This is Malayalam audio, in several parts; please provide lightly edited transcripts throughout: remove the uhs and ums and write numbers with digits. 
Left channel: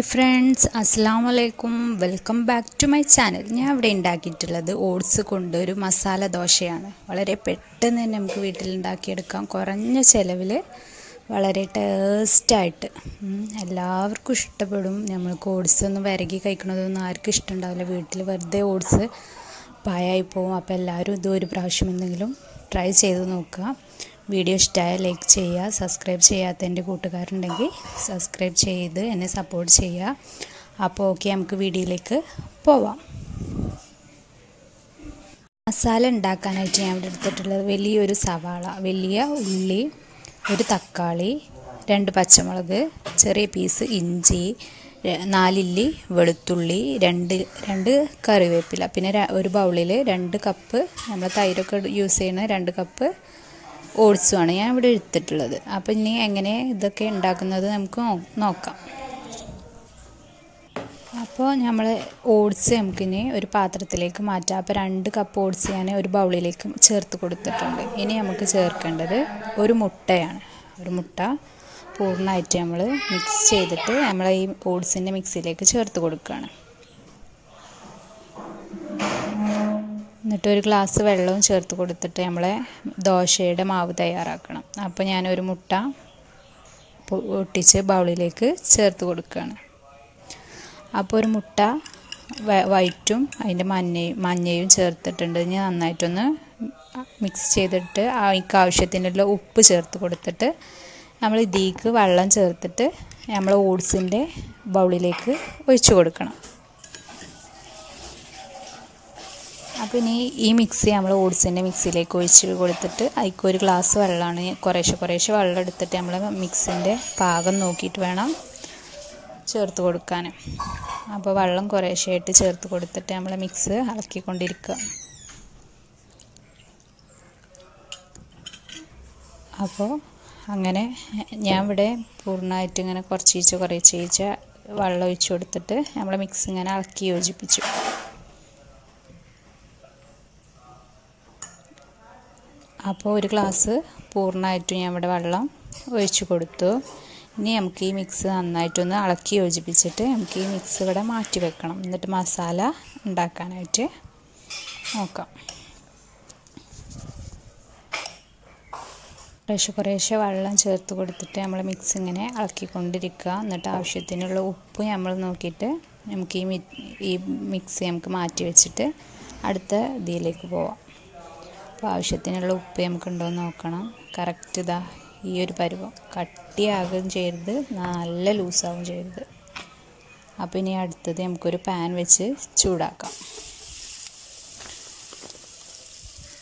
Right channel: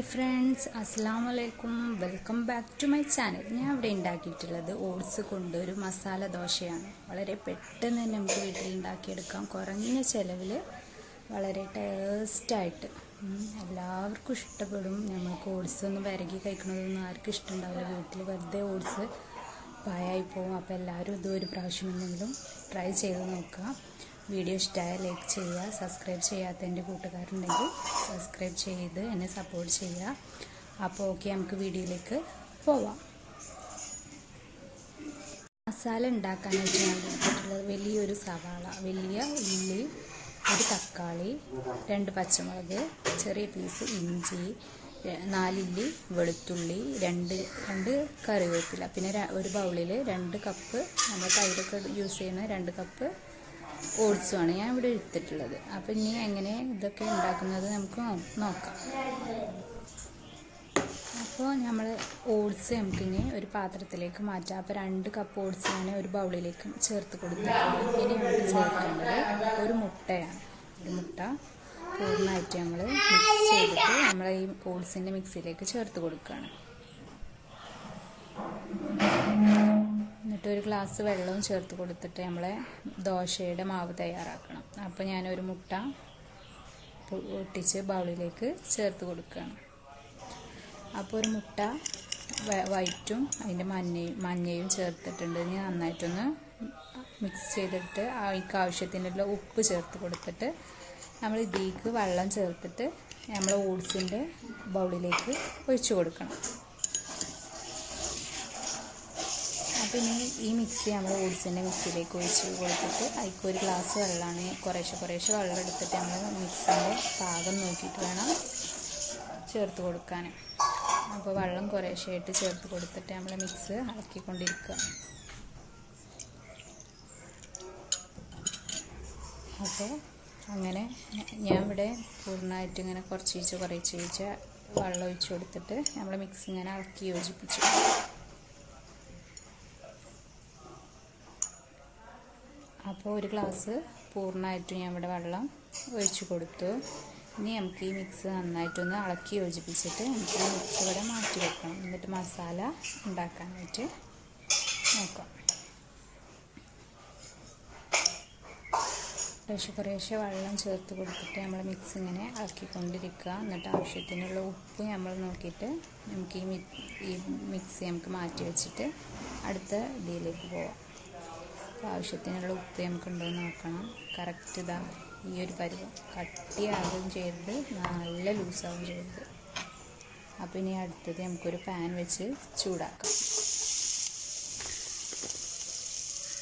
ഹായ് ഫ്രണ്ട്സ്, അസ്സലാമു അലൈക്കും. Welcome back to my channel. ഞാൻ ഇവിടെ ഉണ്ടാക്കിയിട്ടുള്ളത് ഓട്സ് കൊണ്ട് ഒരു മസാല ദോശയാണ്. വളരെ പെട്ടെന്ന് തന്നെ നമുക്ക് വീട്ടിലുണ്ടാക്കിയെടുക്കാം. കുറഞ്ഞ ചിലവിൽ വളരെ ടേസ്റ്റായിട്ട് എല്ലാവർക്കും ഇഷ്ടപ്പെടും. നമ്മൾക്ക് ഓട്സ് ഒന്നും വിരകി കഴിക്കണതൊന്നും ആർക്കും ഇഷ്ടമുണ്ടാവില്ല. വീട്ടിൽ വെറുതെ ഓട്സ് പായായി പോവും. അപ്പോൾ എല്ലാവരും ഇത് ഒരു പ്രാവശ്യം എന്തെങ്കിലും ട്രൈ ചെയ്ത് നോക്കുക. വീഡിയോ ഇഷ്ടമായ ലൈക്ക് ചെയ്യുക. സബ്സ്ക്രൈബ് ചെയ്യാത്ത എൻ്റെ കൂട്ടുകാരുണ്ടെങ്കിൽ സബ്സ്ക്രൈബ് ചെയ്ത് എന്നെ സപ്പോർട്ട് ചെയ്യുക. അപ്പോൾ ഓക്കെ, നമുക്ക് വീഡിയോയിലേക്ക് പോവാം. മസാല ഉണ്ടാക്കാനായിട്ട് ഞാൻ ഇവിടെ എടുത്തിട്ടുള്ളത് വലിയൊരു സവാള, വലിയ ഉള്ളി, ഒരു തക്കാളി, 2 പച്ചമുളക്, ചെറിയ പീസ് ഇഞ്ചി, 4 ഇല്ലി വെളുത്തുള്ളി, 2 കറിവേപ്പില, പിന്നെ ഒരു ബൗളിൽ 2 കപ്പ് നമ്മൾ തൈരൊക്കെ യൂസ് ചെയ്യുന്ന 2 കപ്പ് ഓട്സുമാണ് ഞാൻ ഇവിടെ എടുത്തിട്ടുള്ളത്. അപ്പോൾ ഇനി എങ്ങനെ ഇതൊക്കെ ഉണ്ടാക്കുന്നത് നമുക്ക് നോക്കാം. അപ്പോൾ നമ്മൾ ഓട്സ് നമുക്കിനി ഒരു പാത്രത്തിലേക്ക് മാറ്റാം. അപ്പോൾ 2 കപ്പ് ഓട്സ് ഞാൻ ഒരു ബൗളിലേക്ക് ചേർത്ത് കൊടുത്തിട്ടുണ്ട്. ഇനി നമുക്ക് ചേർക്കേണ്ടത് ഒരു മുട്ടയാണ്. ഒരു മുട്ട പൂർണ്ണമായിട്ട് നമ്മൾ മിക്സ് ചെയ്തിട്ട് നമ്മൾ ഈ ഓട്സിൻ്റെ മിക്സിയിലേക്ക് ചേർത്ത് കൊടുക്കുകയാണ്. എന്നിട്ട് ഒരു ഗ്ലാസ് വെള്ളവും ചേർത്ത് കൊടുത്തിട്ട് നമ്മളെ ദോശയുടെ മാവ് തയ്യാറാക്കണം. അപ്പോൾ ഞാനൊരു മുട്ട പൊട്ടിച്ച് ബൗളിലേക്ക് ചേർത്ത് കൊടുക്കുകയാണ്. അപ്പോൾ ഒരു മുട്ട വൈറ്റും അതിൻ്റെ മഞ്ഞയും ചേർത്തിട്ടുണ്ട്. ഇനി നന്നായിട്ടൊന്ന് മിക്സ് ചെയ്തിട്ട് അതിക്ക് ആവശ്യത്തിനുള്ള ഉപ്പ് ചേർത്ത് കൊടുത്തിട്ട് നമ്മൾ ഇതിലേക്ക് വെള്ളം ചേർത്തിട്ട് നമ്മൾ ഓട്സിൻ്റെ ബൗളിലേക്ക് ഒഴിച്ചു കൊടുക്കണം. അപ്പോൾ ഇനി ഈ മിക്സി നമ്മൾ ഓട്സിൻ്റെ മിക്സിയിലേക്ക് ഒഴിച്ച് കൊടുത്തിട്ട് അതിലേക്ക് ഒരു ഗ്ലാസ് വെള്ളമാണ്, കുറേശ്ശെ വെള്ളം എടുത്തിട്ട് നമ്മൾ മിക്സിൻ്റെ പാകം നോക്കിയിട്ട് വേണം ചേർത്ത് കൊടുക്കാൻ. അപ്പോൾ വെള്ളം കുറേശ്ശെയായിട്ട് ചേർത്ത് കൊടുത്തിട്ട് നമ്മൾ മിക്സ് ഇളക്കിക്കൊണ്ടിരിക്കുക. അപ്പോൾ അങ്ങനെ ഞാൻ ഇവിടെ പൂർണ്ണമായിട്ട് ഇങ്ങനെ കുറച്ച് വെള്ളം ഒഴിച്ച് കൊടുത്തിട്ട് നമ്മൾ മിക്സ് ഇങ്ങനെ ഇളക്കി യോജിപ്പിച്ചു. അപ്പോൾ ഒരു ഗ്ലാസ് പൂർണ്ണമായിട്ടും ഞാൻ ഇവിടെ വെള്ളം ഒഴിച്ച് കൊടുത്തു. ഇനി നമുക്ക് ഈ മിക്സ് നന്നായിട്ടൊന്ന് ഇളക്കി യോജിപ്പിച്ചിട്ട് നമുക്ക് ഈ മിക്സ് ഇവിടെ മാറ്റി വെക്കണം. എന്നിട്ട് മസാല ഉണ്ടാക്കാനായിട്ട് നോക്കാം. കുറേശ്ശെ വെള്ളം ചേർത്ത് കൊടുത്തിട്ട് നമ്മൾ മിക്സ് ഇങ്ങനെ ഇളക്കിക്കൊണ്ടിരിക്കുക. എന്നിട്ട് ആവശ്യത്തിനുള്ള ഉപ്പ് നമ്മൾ നോക്കിയിട്ട് നമുക്ക് ഈ മിക്സ് നമുക്ക് മാറ്റി വെച്ചിട്ട് അടുത്ത ഇതിലേക്ക് പോവാം. അപ്പോൾ ആവശ്യത്തിനുള്ള ഉപ്പ് നമുക്കുണ്ടോ എന്ന് നോക്കണം. കറക്റ്റ് ഇതാ ഈ ഒരു പരുവം, കട്ടിയാകുകയും ചെയ്യരുത്, നല്ല ലൂസാവുകയും ചെയ്യരുത്. അപ്പോൾ ഇനി അടുത്തത് നമുക്കൊരു പാൻ വെച്ച് ചൂടാക്കാം.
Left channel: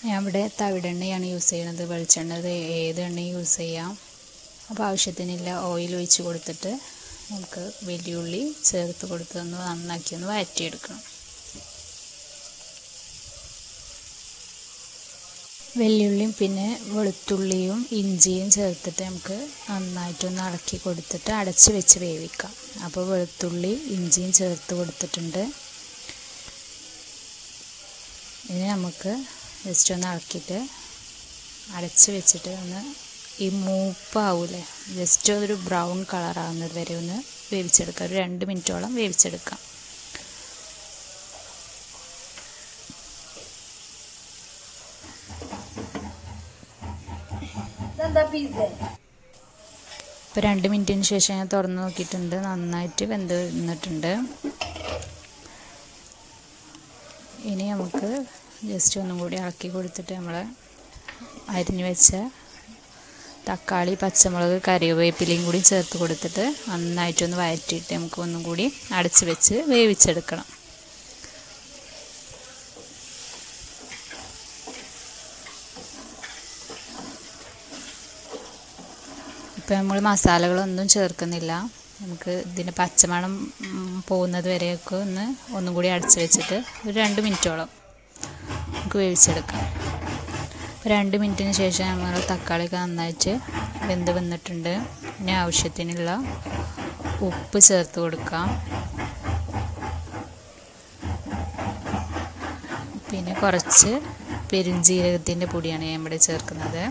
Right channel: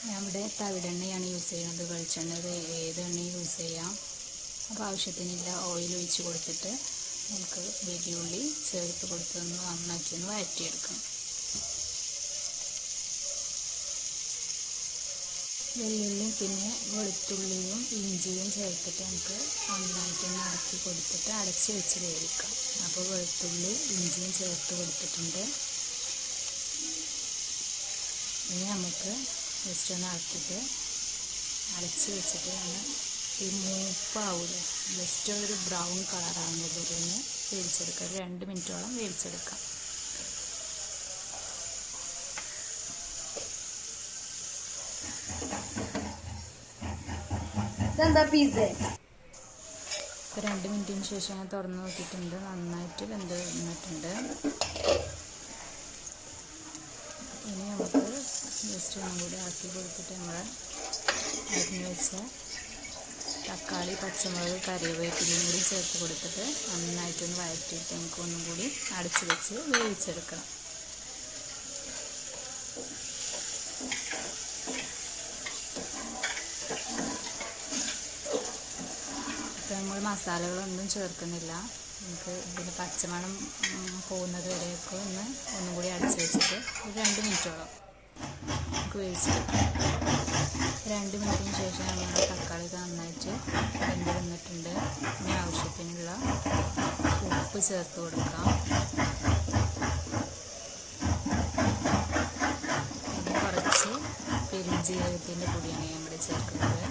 ഞാൻ ഇവിടെ തവിടെണ്ണയാണ് യൂസ് ചെയ്യുന്നത്. വെളിച്ചെണ്ണ ഏത് എണ്ണയും യൂസ് ചെയ്യാം. അപ്പോൾ ആവശ്യത്തിനുള്ള ഓയിൽ ഒഴിച്ച് കൊടുത്തിട്ട് നമുക്ക് വലിയുള്ളി ചേർത്ത് കൊടുത്തൊന്ന് നന്നാക്കി ഒന്ന് വഴറ്റിയെടുക്കണം. വെള്ളുള്ളിയും പിന്നെ വെളുത്തുള്ളിയും ഇഞ്ചിയും ചേർത്തിട്ട് നമുക്ക് നന്നായിട്ടൊന്ന് ഇളക്കി കൊടുത്തിട്ട് അടച്ച് വെച്ച് വേവിക്കാം. അപ്പോൾ വെളുത്തുള്ളി ഇഞ്ചിയും ചേർത്ത് കൊടുത്തിട്ടുണ്ട്. ഇനി നമുക്ക് ജസ്റ്റ് ഒന്ന് ഇളക്കിയിട്ട് അടച്ച് വെച്ചിട്ട് ഒന്ന് ഈ മൂപ്പാവൂലേ, ജസ്റ്റ് ഒരു ബ്രൗൺ കളറാകുന്നത് വരെ ഒന്ന് വേവിച്ചെടുക്കാം. ഒരു 2 മിനിറ്റോളം വേവിച്ചെടുക്കാം. ഇപ്പോൾ 2 മിനിറ്റിന് ശേഷം ഞാൻ തുറന്ന് നോക്കിയിട്ടുണ്ട്. നന്നായിട്ട് വെന്ത് നിന്നിട്ടുണ്ട്. ഇനി നമുക്ക് ജസ്റ്റ് ഒന്നും കൂടി ഇളക്കി കൊടുത്തിട്ട് നമ്മൾ അരിഞ്ഞു വെച്ച തക്കാളി, പച്ചമുളക്, കറിവേപ്പിലയും കൂടി ചേർത്ത് കൊടുത്തിട്ട് നന്നായിട്ടൊന്ന് വഴറ്റിയിട്ട് നമുക്ക് ഒന്നും കൂടി അടച്ച് വെച്ച് വേവിച്ചെടുക്കണം. ഇപ്പോൾ നമ്മൾ മസാലകളൊന്നും ചേർക്കുന്നില്ല. നമുക്ക് ഇതിൻ്റെ പച്ചമണം പോകുന്നത് വരെയൊക്കെ ഒന്നും കൂടി അടച്ച് വെച്ചിട്ട് ഒരു 2 മിനിറ്റോളം നമുക്ക് വേവിച്ചെടുക്കാം. 2 മിനിറ്റിന് ശേഷം നമ്മൾ തക്കാളിയൊക്കെ നന്നായിട്ട് വെന്ത് വന്നിട്ടുണ്ട്. ഇനി ആവശ്യത്തിനുള്ള ഉപ്പ് ചേർത്ത് കൊടുക്കാം. പിന്നെ കുറച്ച് പെരുംജീരകത്തിൻ്റെ പൊടിയാണ് ഞാൻ ഇവിടെ ചേർക്കുന്നത്.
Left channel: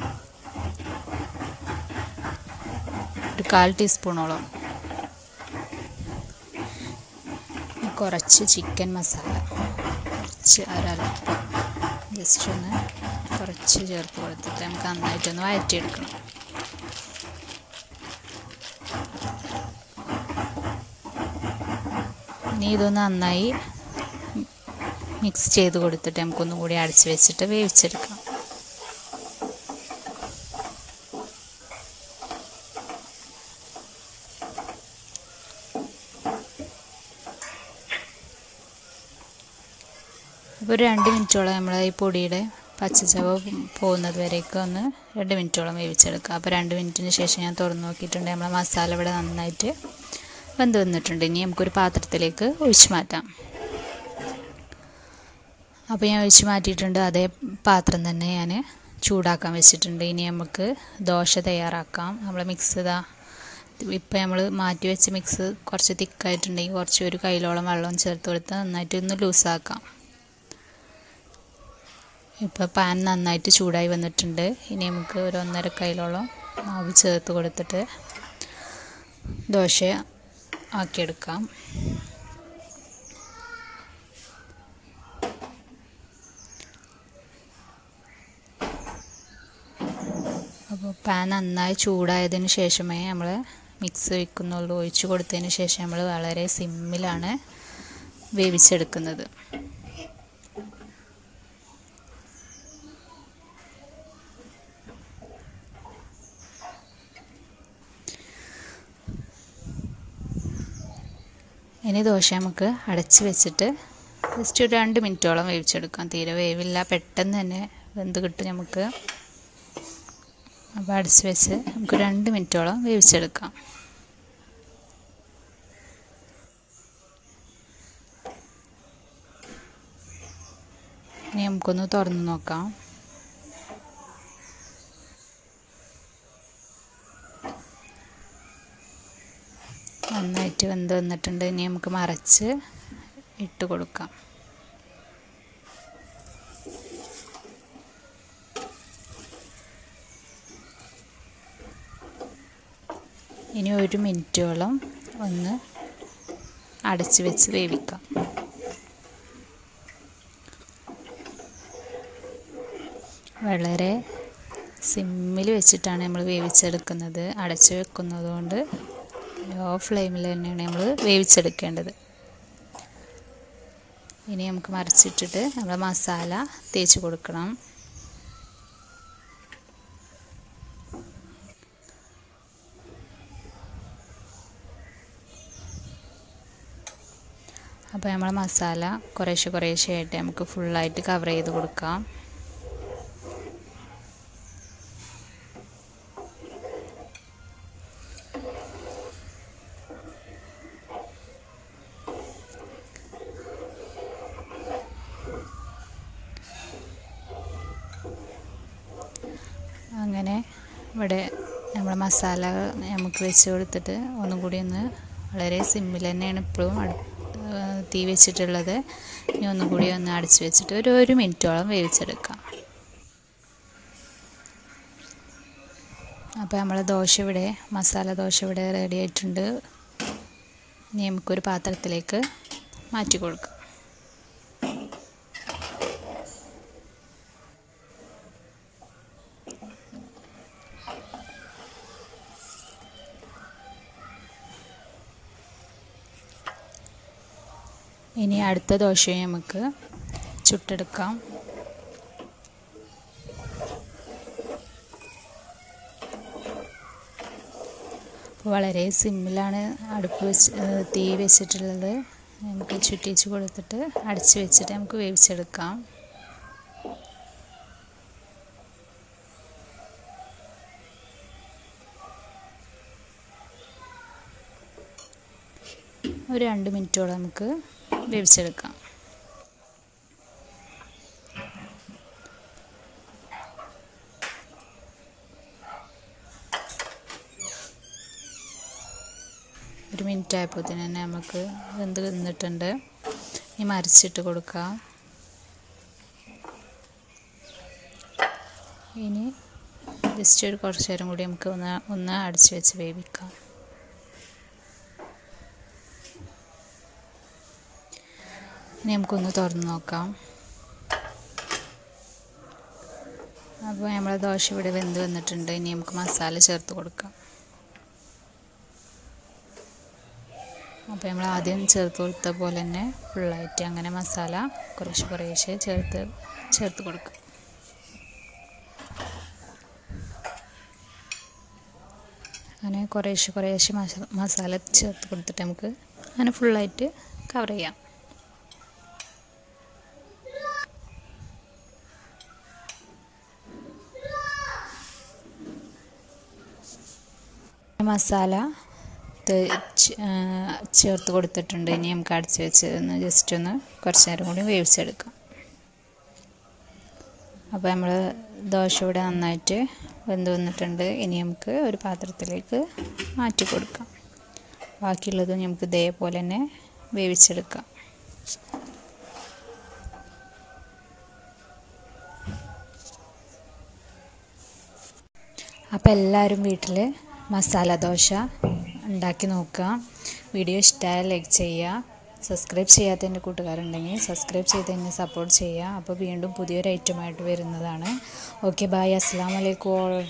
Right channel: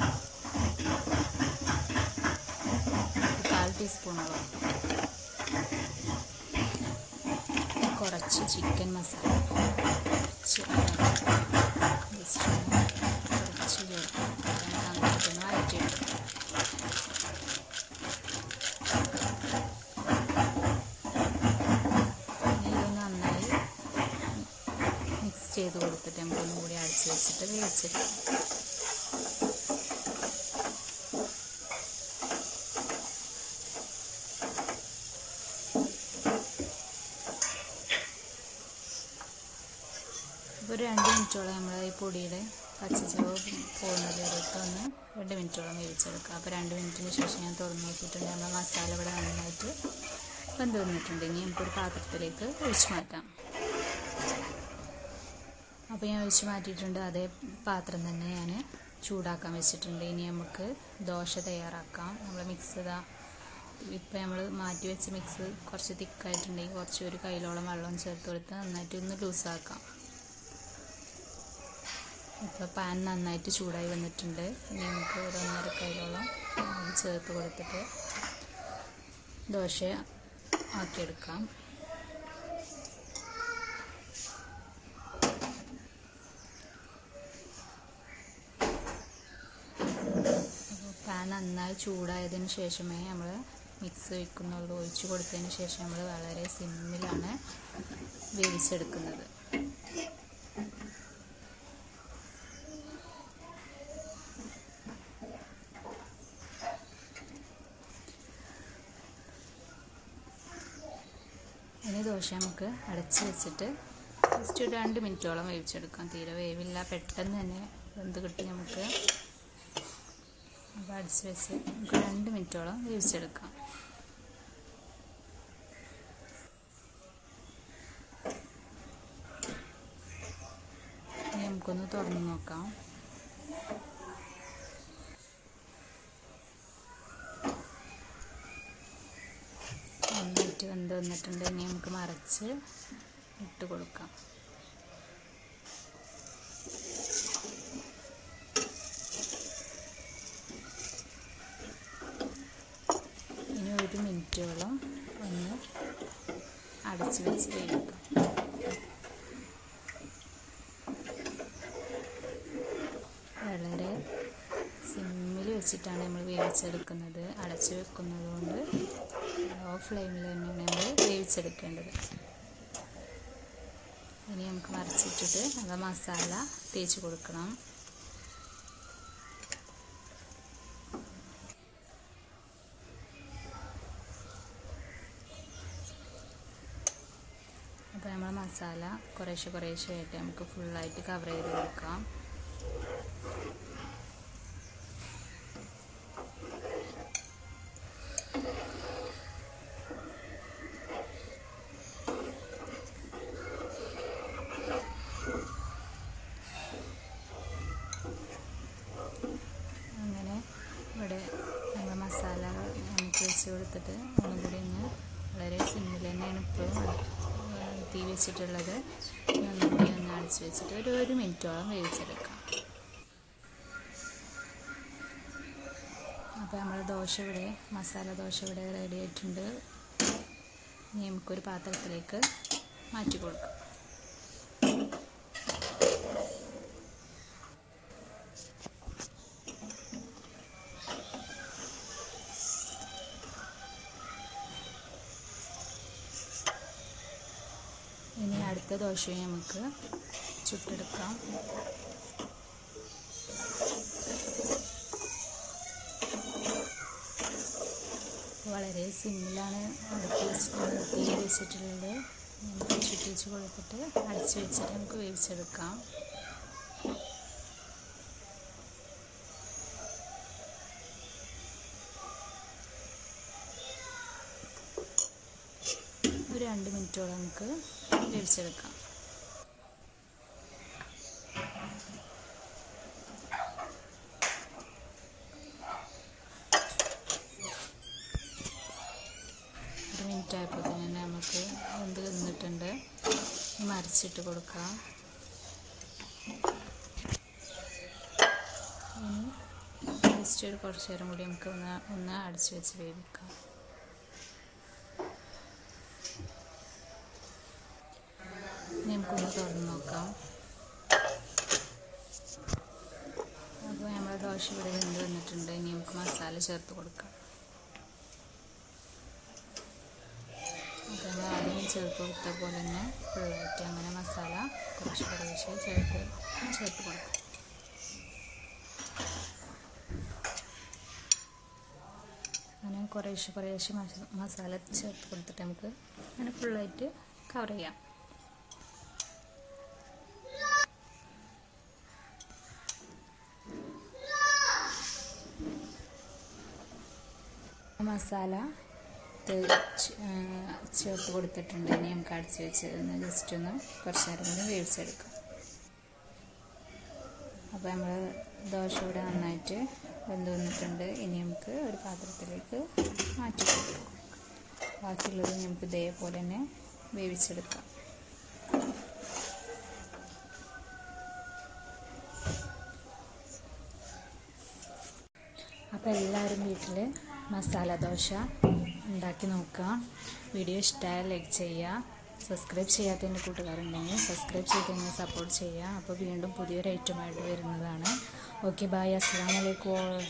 1/4 ടീസ്പൂണോളം. കുറച്ച് ചിക്കൻ മസാല ജസ്റ്റ് ഒന്ന് കുറച്ച് ചേർത്ത് കൊടുത്തിട്ട് നമുക്ക് നന്നായിട്ടൊന്ന് വഴറ്റിയെടുക്കണം. ഇനി ഇതൊന്ന് നന്നായി മിക്സ് ചെയ്ത് കൊടുത്തിട്ട് നമുക്കൊന്നും കൂടി അടച്ച് വെച്ചിട്ട് വേവിച്ചെടുക്കാം. ഒരു 2 മിനിറ്റോളം നമ്മൾ ഈ പൊടിയുടെ പച്ചച്ചവ പോകുന്നത് വരേക്കും ഒന്ന് 2 മിനിറ്റോളം വേവിച്ചെടുക്കുക. അപ്പോൾ 2 മിനിറ്റിന് ശേഷം ഞാൻ തുറന്ന് നോക്കിയിട്ടുണ്ട്. നമ്മളെ മസാല ഇവിടെ നന്നായിട്ട് വെന്ത് വന്നിട്ടുണ്ട്. ഇനി നമുക്കൊരു പാത്രത്തിലേക്ക് ഒഴിച്ച് മാറ്റാം. അപ്പോൾ ഞാൻ ഒഴിച്ച് മാറ്റിയിട്ടുണ്ട്. അതേ പാത്രം തന്നെ ഞാൻ ചൂടാക്കാൻ വെച്ചിട്ടുണ്ട്. ഇനി നമുക്ക് ദോശ തയ്യാറാക്കാം. നമ്മൾ മിക്സ് ഇപ്പോൾ നമ്മൾ മാറ്റി വെച്ച മിക്സ് കുറച്ച് തിക്കായിട്ടുണ്ടെങ്കിൽ കുറച്ച് ഒരു കൈയിലോളം വെള്ളം ചേർത്ത് കൊടുത്ത് നന്നായിട്ട് ഒന്ന് ലൂസാക്കാം. ഇപ്പോൾ പാൻ നന്നായിട്ട് ചൂടായി വന്നിട്ടുണ്ട്. ഇനി നമുക്ക് ഒരു 1.5 കൈയിലോളം മാവ് ചേർത്ത് കൊടുത്തിട്ട് ദോശ ആക്കിയെടുക്കാം. അപ്പോൾ പാൻ നന്നായി ചൂടായതിന് ശേഷമേ നമ്മൾ മിക്സ് വയ്ക്കുന്നുള്ളൂ. ഒഴിച്ച് കൊടുത്തതിന് ശേഷം നമ്മൾ വളരെ സിമ്മിലാണ് വേവിച്ചെടുക്കുന്നത്. ഇനി ദോശ നമുക്ക് അടച്ച് വെച്ചിട്ട് ജസ്റ്റ് ഒരു 2 മിനിറ്റോളം വേവിച്ചെടുക്കാം. തീരെ വേവില്ല, പെട്ടെന്ന് തന്നെ വെന്ത് കിട്ടും നമുക്ക്. അപ്പോൾ അടച്ച് വെച്ച് നമുക്ക് 2 മിനിറ്റോളം വേവിച്ചെടുക്കാം. ഇനി നമുക്കൊന്ന് തുറന്ന് നോക്കാം. നന്നായിട്ട് വെന്ത് വന്നിട്ടുണ്ട്. ഇനി നമുക്ക് മറച്ച് ഇട്ട് കൊടുക്കാം. ഇനി 1 മിനിറ്റോളം ഒന്ന് അടച്ച് വെച്ച് വേവിക്കാം. വളരെ സിമ്മിൽ വെച്ചിട്ടാണ് നമ്മൾ വേവിച്ചെടുക്കുന്നത്. അടച്ച് വെക്കുന്നത് കൊണ്ട് ലോ ഫ്ലെയിമിൽ തന്നെയാണ് നമ്മൾ വേവിച്ചെടുക്കേണ്ടത്. ഇനി നമുക്ക് മറിച്ചിട്ടിട്ട് നമ്മൾ മസാല തേച്ച് കൊടുക്കണം. അപ്പോൾ നമ്മൾ മസാല കുറേശ്ശെ ആയിട്ട് നമുക്ക് ഫുള്ളായിട്ട് കവർ ചെയ്ത് കൊടുക്കാം. അങ്ങനെ ഇവിടെ നമ്മൾ മസാല നമുക്ക് വെച്ച് കൊടുത്തിട്ട് ഒന്നും കൂടി ഒന്ന് വളരെ സിമ്മിൽ തന്നെയാണ് ഇപ്പോഴും തീ വെച്ചിട്ടുള്ളത്. ഇനി ഒന്നും കൂടി ഒന്ന് അടച്ച് വെച്ചിട്ട് ഒരു 1 മിനിറ്റോളം വേവിച്ചെടുക്കാം. അപ്പോൾ നമ്മൾ മസാല ദോശ ഇവിടെ റെഡി ആയിട്ടുണ്ട്. ഇനി നമുക്കൊരു പാത്രത്തിലേക്ക് മാറ്റി കൊടുക്കാം. ഇനി അടുത്ത ദോശയും നമുക്ക് ചുട്ടെടുക്കാം. വളരെ സിമ്പിളാണ് തീ വെച്ചിട്ടുള്ളത്. നമുക്ക് ചുറ്റിച്ച് കൊടുത്തിട്ട് അടച്ച് വെച്ചിട്ട് നമുക്ക് വേവിച്ചെടുക്കാം. ഒരു 2 മിനിറ്റോളം നമുക്ക് വേവിച്ചെടുക്കാം. ഒരു മിനിറ്റ് ആയപ്പോൾ തന്നെ നമുക്ക് വെന്ത് നിന്നിട്ടുണ്ട്. ഇനി മറിച്ചിട്ട് കൊടുക്കാം. ഇനി ജസ്റ്റ് കുറച്ച് നേരം കൂടി നമുക്ക് ഒന്ന് അടച്ച് വെച്ച് വേവിക്കാം. നമുക്കൊന്ന് തുറന്ന് നോക്കാം. അപ്പോൾ നമ്മളെ ദോശ ഇവിടെ വെന്ത് വന്നിട്ടുണ്ട്. ഇനി നമുക്ക് മസാല ചേർത്ത് കൊടുക്കാം. അപ്പോൾ നമ്മൾ ആദ്യം ചേർത്ത് കൊടുത്ത പോലെ തന്നെ ഫുള്ളായിട്ട് അങ്ങനെ മസാല കുറേശ്ശെ ചേർത്ത് കൊടുക്കാം. അങ്ങനെ കുറേശ്ശെ മസാല ചേർത്ത് കൊടുത്തിട്ട് നമുക്ക് അങ്ങനെ ഫുള്ളായിട്ട് കവർ ചെയ്യാം. മസാല ചേർത്ത് കൊടുത്തിട്ടുണ്ട്. ഇനി നമുക്ക് അടച്ച് വെച്ച് ജസ്റ്റ് ഒന്ന് കുറച്ച് നേരം കൂടി വേവിച്ചെടുക്കാം. അപ്പോൾ നമ്മൾ ദോശ ഇവിടെ നന്നായിട്ട് വെന്ത് വന്നിട്ടുണ്ട്. ഇനി നമുക്ക് ഒരു പാത്രത്തിലേക്ക് മാറ്റി കൊടുക്കാം. ബാക്കിയുള്ളത് നമുക്ക് ഇതേപോലെ തന്നെ വേവിച്ചെടുക്കാം. അപ്പോൾ എല്ലാവരും വീട്ടിൽ മസാല ദോശ ഉണ്ടാക്കി നോക്കുക. വീഡിയോ ഇഷ്ടമായാൽ ലൈക്ക് ചെയ്യുക. സബ്സ്ക്രൈബ് ചെയ്യാത്ത എൻ്റെ കൂട്ടുകാരുണ്ടെങ്കിൽ സബ്സ്ക്രൈബ് ചെയ്ത് തന്നെ സപ്പോർട്ട് ചെയ്യുക. അപ്പോൾ വീണ്ടും പുതിയൊരു ഐറ്റമായിട്ട് വരുന്നതാണ്. Okay, bye. അസ്സലാമു അലൈക്കും.